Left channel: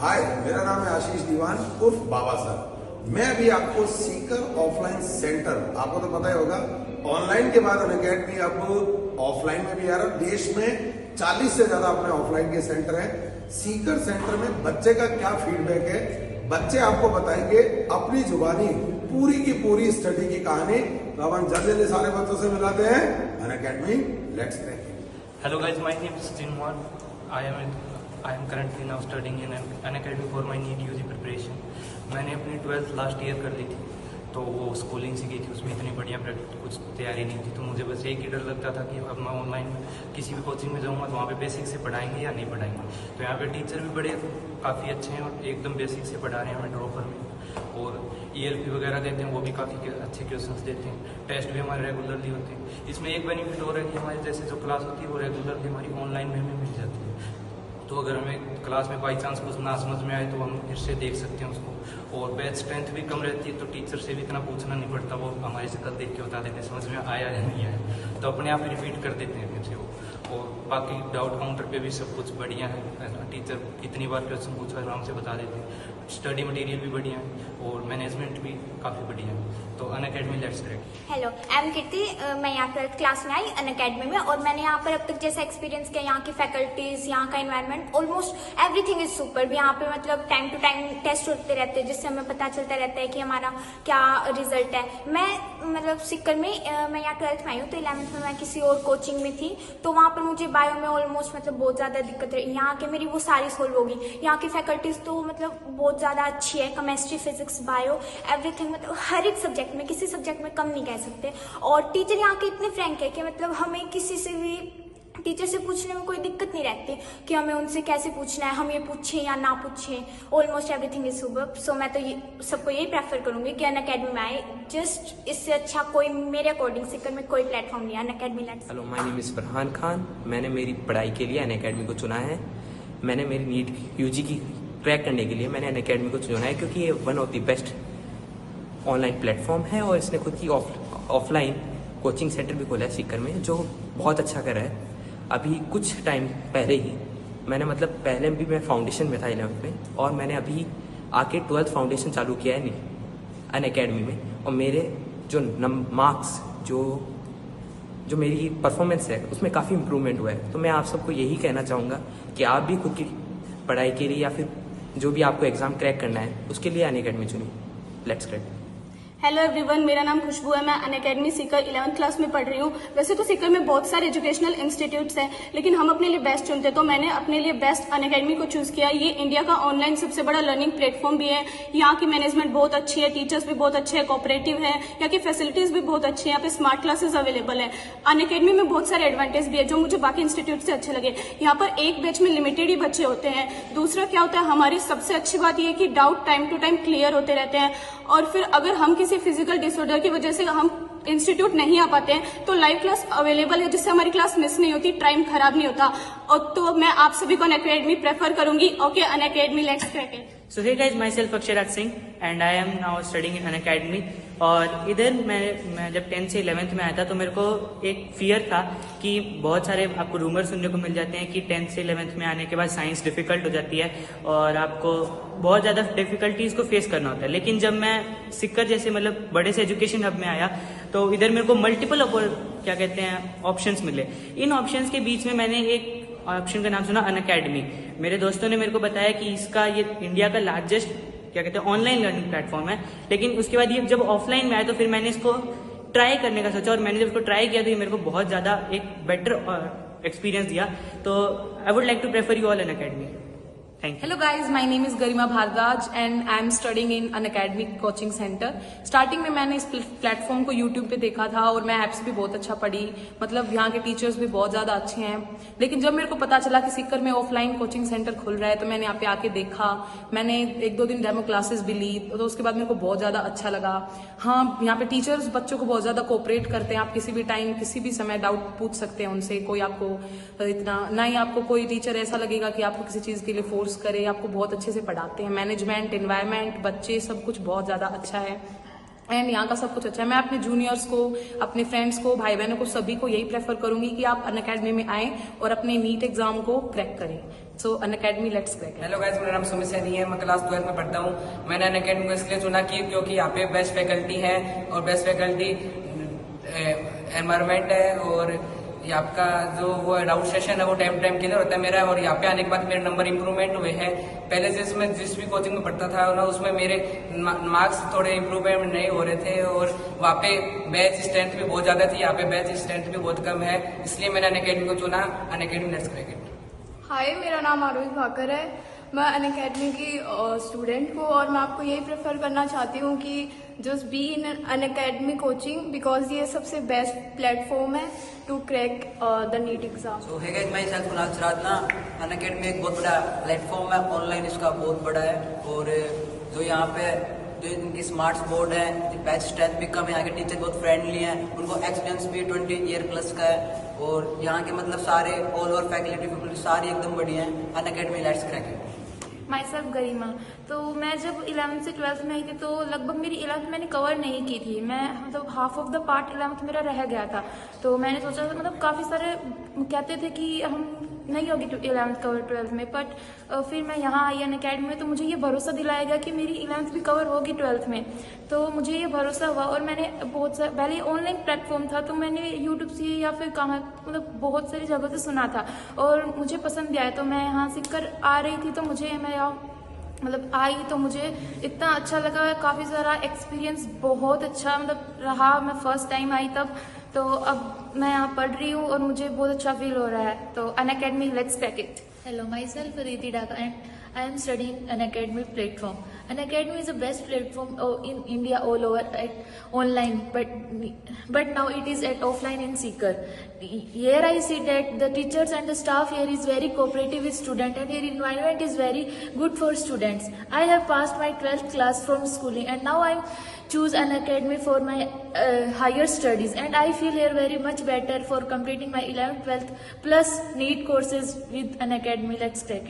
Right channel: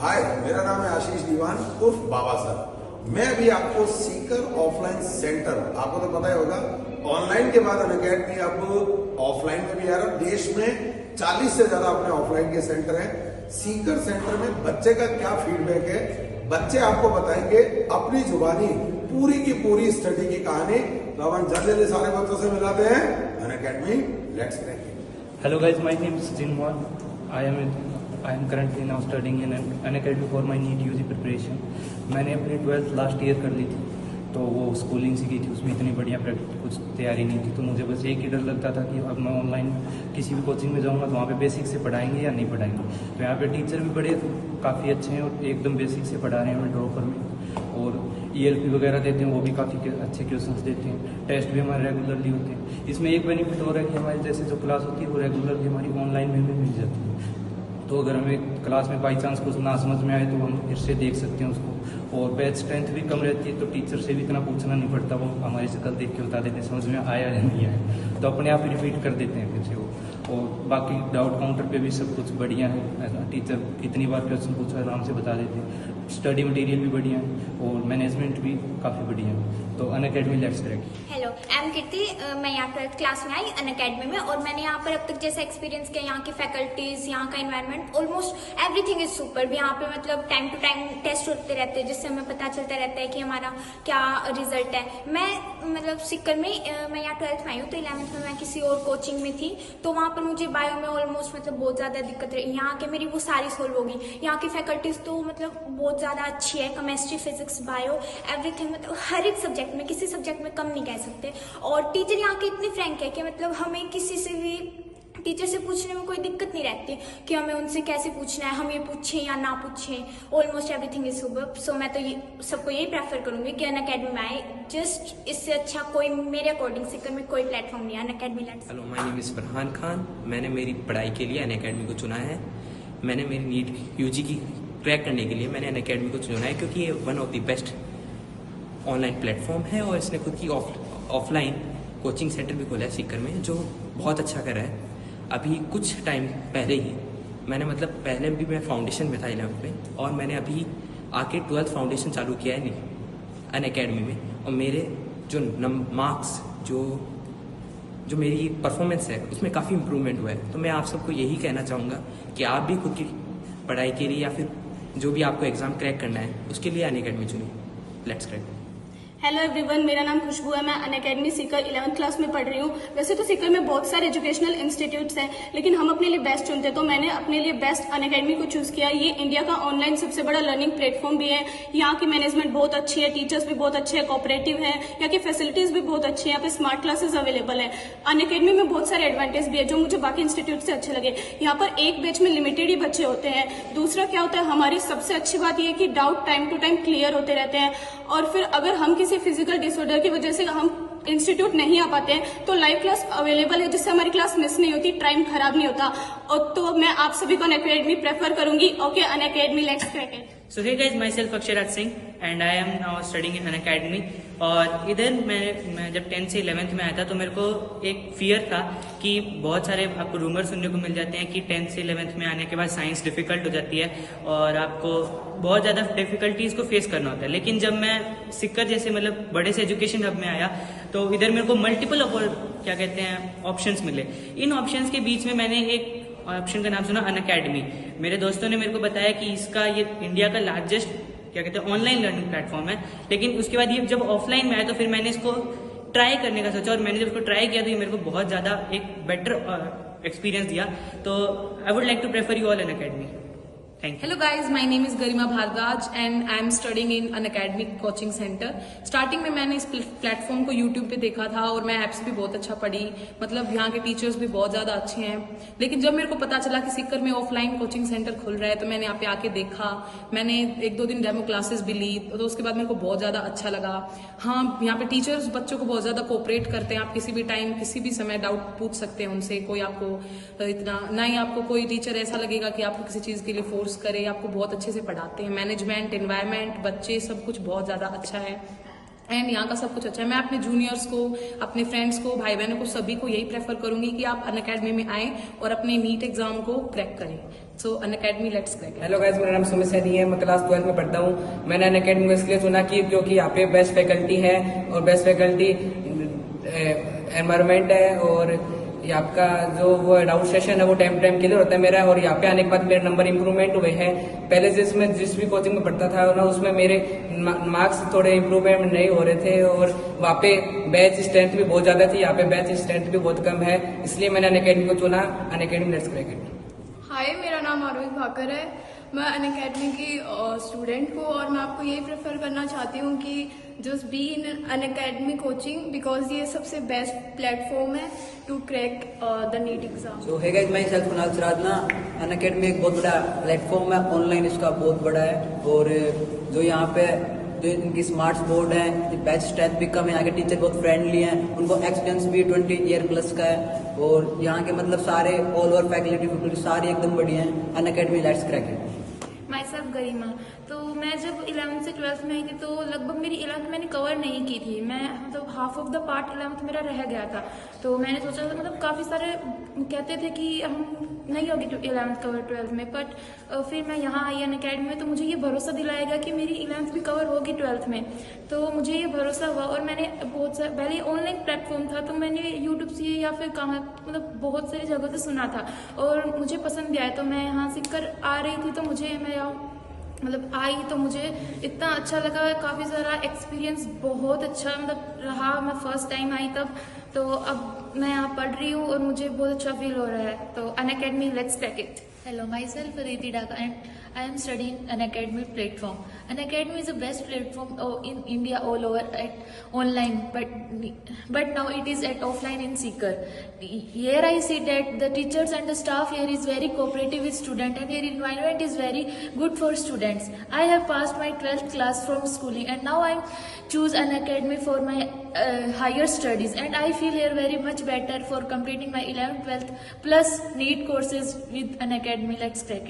हाय, मेरा नाम है आशीष दीवान उर्फ बाबा सर। मैं अभी आपको सीकर ऑफलाइन सेंटर, आपको तो पता ही होगा, ऑनलाइन के बाद अनअकैडमी अब ऑफलाइन में भी आ रहा है। देश में 40 से ज्यादा अपने ऑफलाइन के सेंटर हैं। सीकर सेंटर में बच्चे का क्या फीडबैक है, बच्चे आपको बताएंगे अपनी जुबानी पूरी की पूरी स्टडी की कहानी। तो हम जल्दी सारे बच्चों से मिलाते हैं Unacademy let's crack. Hello guys, my name is Jinwan. I am currently now studying in an academy for my NEET UG preparation. मैंने अपनी 12th लास्ट ईयर कर ली थी, तो वो स्कूलिंग से की थी, उसमें इतनी बढ़िया कुछ तैयारी नहीं थी। तो मुझे बस एक ही डर लगता था कि अब मैं ऑनलाइन किसी भी कोचिंग में जाऊँगा तो वहाँ पे बेसिक से पढ़ाएंगे या नहीं पढ़ाएंगे। तो यहाँ पे टीचर भी बड़े काफ़ी अच्छे हैं और एकदम बेसिक से पढ़ा रहे हैं हमें ड्रॉपर में, और ELP वगैरह देते हैं, वो भी काफ़ी अच्छे क्वेश्चंस देते हैं। टेस्ट भी हमारे रेगुलरली होते हैं। इसमें एक बेनिफिट हो रहा है कि हमारी जैसे जो क्लास होती है वो रेगुलरली हमारी ऑनलाइन में भी मिल जाती है। तो अगर हमें क्लास में बाई चांस कुछ ना समझ में आए तो हम फिर से देख सकते हैं उसको। और बैच स्ट्रेंथ भी कम रहती है, तो टीचर से भी इतना पूछना नहीं पड़ता, वो हमारी शक्ल देख के बता देते हैं समझ में आया या नहीं आया, तो अपने आप ही रिपीट कर देते हैं फिर से वो। और बाकी डाउट काउंटर पे भी सब कुछ बढ़िया है, टीचर इतनी बार क्वेश्चन पूछा आराम से बता देते हैं। स्टडी मटेरियल भी बढ़िया है और मैनेजमेंट भी काफ़ी बढ़िया है। तो Unacademy let's crack. Hello, I am Kirti. मैं यहाँ 12th क्लास में आई अनअकैडमी में, और मैंने यहाँ पर अब तक जैसा एक्सपीरियंस किया, यहाँ की फैकल्टीज, यहाँ का environment, almost everything is super. यहाँ पे मतलब टाइम टू टाइम टेस्ट होते रहते हैं, जिससे हमें पता चलता रहता है कि हमारा क्या रिजल्ट है। मैं मतलब सीकर में मैं यहाँ 12th में आई हूँ, तो 11th में मैं किसी और कोचिंग में थी, तो वहाँ पर मुझे बायो में ऑलमोस्ट मतलब बहुत ज़्यादा दिक्कत रही। यहाँ के मेरी वो सारी सोल्व होगी। यहाँ की फैकल्टीज तो मतलब बहुत ज़्यादा अच्छी है, केमिस्ट्री, फिजिक्स, बायो, एवरीथिंग, मतलब हर एक सब्जेक्ट में, किसी सब्जेक्ट में कम नहीं कह सकते। और टीचर यहाँ के इतने फ्रैंक है कि मतलब हमें किसी से भी टीचर से पूछने में कोई दिक्कत नहीं रहती कि हमें उनसे कैसे पूछना है, हम ये पूछें या ना पूछें। Almost everything is super. So मैं तो ये सबको यही प्रेफर करूंगी कि अनअकैडमी में आए। जस्ट इससे अच्छा कोई मेरे अकॉर्डिंग सीकर में कोई प्लेटफॉर्म नहीं है। Unacademy let's. Hello, my name is Farhan Khan. मैंने मेरी पढ़ाई के लिए अनअकैडमी को चुना है। मैंने मेरी नीट UG की क्रैक करने के लिए मैंने अनअकैडमी को चुना है, क्योंकि ये one of the best online platform है, और इसने खुद की ऑफलाइन कोचिंग सेंटर भी खोला है सीकर में, जो बहुत अच्छा कर रहा है। अभी कुछ टाइम पहले ही मैंने पहले भी मैं फाउंडेशन में था 11th में, और मैंने अभी आके 12th फाउंडेशन चालू किया है अनअकैडमी में, और मेरे जो मार्क्स जो मेरी परफॉर्मेंस है उसमें काफ़ी इंप्रूवमेंट हुआ है। तो मैं आप सबको यही कहना चाहूँगा कि आप भी खुद की पढ़ाई के लिए या फिर जो भी आपको एग्ज़ाम क्रैक करना है उसके लिए अनअकैडमी चुनिए। Let's crack. हेलो एवरीवन, मेरा नाम खुशबू है। मैं अनअकैडमी सीकर 11th क्लास में पढ़ रही हूँ। वैसे तो सीकर में बहुत सारे एजुकेशनल इंस्टीट्यूट्स हैं, लेकिन हम अपने लिए बेस्ट चुनते हैं, तो मैंने अपने लिए बेस्ट अनअकैडमी को चूज किया। ये इंडिया का ऑनलाइन सबसे बड़ा लर्निंग प्लेटफॉर्म भी है। यहाँ की मैनेजमेंट बहुत अच्छी है, टीचर्स भी बहुत अच्छे हैं, कोऑपरेटिव है, यहाँ की फैसिलिटीज भी बहुत अच्छी है, यहाँ पे स्मार्ट क्लासेस अवेलेबल है। अनअकैडमी में बहुत सारे एडवांटेज भी है जो मुझे बाकी इंस्टीट्यूट से अच्छे लगे। यहाँ पर एक बैच में लिमिटेड ही बच्चे होते हैं। दूसरा क्या होता है, हमारी सबसे अच्छी बात यह है कि doubt time to time clear होते रहते हैं। और फिर अगर हम किसी फिजिकल डिसऑर्डर की वजह से हम इंस्टीट्यूट नहीं आ पाते हैं तो लाइव क्लास अवेलेबल है, जिससे हमारी क्लास मिस नहीं होती, टाइम खराब नहीं होता। और तो मैं आप सभी को अनअकैडमी प्रेफर करूंगी। Okay, Unacademy let's crack it. So hey guys, myself Aksharat Singh and I am now studying in Unacademy। और इधर मैं जब 10th से 11th में आया था तो मेरे को एक फियर था कि बहुत सारे आपको रूमर सुनने को मिल जाते हैं कि 10th से 11th में आने के बाद साइंस डिफिकल्ट हो जाती है और आपको बहुत ज़्यादा डिफिकल्टीज को फेस करना होता है। लेकिन जब मैं सीकर जैसे बड़े से एजुकेशन हब में आया तो इधर मेरे को मल्टीपल ऑप्शंस मिले। इन ऑप्शंस के बीच में मैंने एक ऑप्शन का नाम सुना अनअकैडमी। मेरे दोस्तों ने मेरे को बताया कि ये इंडिया का लार्जेस्ट ऑनलाइन लर्निंग प्लेटफॉर्म है। लेकिन उसके बाद ये जब ऑफलाइन में आया तो फिर मैंने इसको ट्राई करने का सोचा, और मैंने जब इसको ट्राई किया तो ये मेरे को बहुत ज़्यादा एक बेटर एक्सपीरियंस दिया। तो I would like to prefer you all Unacademy. Thank you. Hello guys, my name is Garima Bhardwaj and I am studying in Unacademy Coaching Center। Starting में मैंने इस प्लेटफॉर्म को YouTube पे देखा था और मैं ऐप्स भी बहुत अच्छा पढ़ी, यहाँ के टीचर्स भी बहुत ज़्यादा अच्छे हैं। लेकिन जब मेरे को पता चला कि सीकर में ऑफलाइन कोचिंग सेंटर खुल रहा है तो मैंने यहाँ पे आके देखा। मैंने 1-2 दिन डेमो क्लासेस भी ली, तो उसके बाद मेरे को बहुत ज़्यादा अच्छा लगा। हाँ, यहाँ पे टीचर्स बच्चों को बहुत ज़्यादा कोऑपरेट करते हैं। आप किसी भी टाइम किसी भी समय डाउट पूछ सकते हैं उनसे। कोई आपको इतना ना ही आपको कोई टीचर ऐसा लगेगा कि आपको किसी चीज़ के लिए फोर्स करे, आपको बहुत अच्छे से पढ़ाते हैं। मैनेजमेंट, एनवायरनमेंट, बच्चे, सब कुछ बहुत ज़्यादा अच्छा है एंड यहाँ का सब कुछ अच्छा है। मैं अपने जूनियर्स को, अपने फ्रेंड्स को, भाई बहनों को, सभी को यही प्रेफर करूंगी कि आप अनअकैडमी में आएं और अपने नीट एग्जाम को क्रैक करें। सो Unacademy let's crack it. Hello guys, मेरा नाम सुमित सैनी है। मैं क्लास 12 में पढ़ता हूँ। मैंने अनअकैडमी को इसलिए चुना क्योंकि यहाँ पे बेस्ट फैकल्टी है और बेस्ट फैकल्टी एनवायरनमेंट है, और यहाँ का जो वो डाउट सेशन है वो टाइम टाइम क्लियर होता है मेरा, और यहाँ पे आने के बाद मेरे नंबर इंप्रूवमेंट हुए हैं। पहले जिस भी कोचिंग में पढ़ता था ना, उसमें मेरे मार्क्स थोड़े इंप्रूवमेंट नहीं हो रहे थे, और वहाँ पे बैच स्ट्रेंथ भी बहुत ज़्यादा थी, यहाँ पे बैच स्ट्रेंथ भी बहुत कम है, इसलिए मैंने अनअकैडमी को चुना। Unacademy let's crack it. Hi, मेरा नाम आरोही भाकर है। मैं अनअकैडमी की स्टूडेंट हूँ और मैं आपको यही प्रेफर करना चाहती हूँ कि just be in Unacademy coaching, because ये सबसे बेस्ट प्लेटफॉर्म है to crack the NEET exam. So hey guys, मैं सेल्फ कुणाल सरादना। अनअकैडमी एक बहुत बड़ा प्लेटफॉर्म है, ऑनलाइन इसका बहुत बड़ा है, और जो यहाँ पे जो इनकी स्मार्ट बोर्ड है, बैच स्ट्रेंथ भी कम है, यहाँ के टीचर बहुत फ्रेंडली हैं, उनको एक्सपीरियंस भी 20 ईयर प्लस का है, और यहाँ के मतलब सारे ऑल ओवर फैकल्टी सारी एकदम बढ़िया हैं। Unacademy let's crack it. Myself Garima. तो मैं जब 11th से 12th में आई थी तो लगभग मेरी 11th मैंने कवर नहीं की थी। मैं मतलब half of the part 11th मेरा रह गया था। तो मैंने सोचा था, मतलब काफ़ी सारे कहते थे कि हम नहीं होगी 11th कवर 12th में, बट फिर मैं यहाँ आई अनअकैडमी में, तो मुझे ये भरोसा दिलाया गया कि मेरी 11th भी कवर होगी 12th में। तो मुझे ये भरोसा हुआ, और मैंने बहुत सारे पहले ऑनलाइन प्लेटफॉर्म था, तो मैंने यूट्यूब से या फिर कहाँ मतलब बहुत सारी जगह से सुना था और मुझे पसंद आया। तो मैं यहाँ सीख कर आ रही थी, तो मुझे मैं मतलब आई तो मुझे इतना अच्छा लगा, काफ़ी सारा एक्सपीरियंस बहुत अच्छा मतलब रहा। मैं फर्स्ट टाइम आई तब, तो अब मैं यहाँ पढ़ रही हूँ और मुझे बहुत अच्छा फील हो रहा है। तो Unacademy let's crack it. Hello, myself Riti Dhaka and I am studying Unacademy platform. Unacademy is the best platform in India all over at online, but now it is at offline in Seeker. Here I see that the teachers and the staff here is very cooperative with students, and here environment is very good for students. I have passed my 12th class from schooling, and now I choose Unacademy for my higher studies, and I feel here very much better for completing my 11th, 12th plus NEET courses with Unacademy. Let's take it.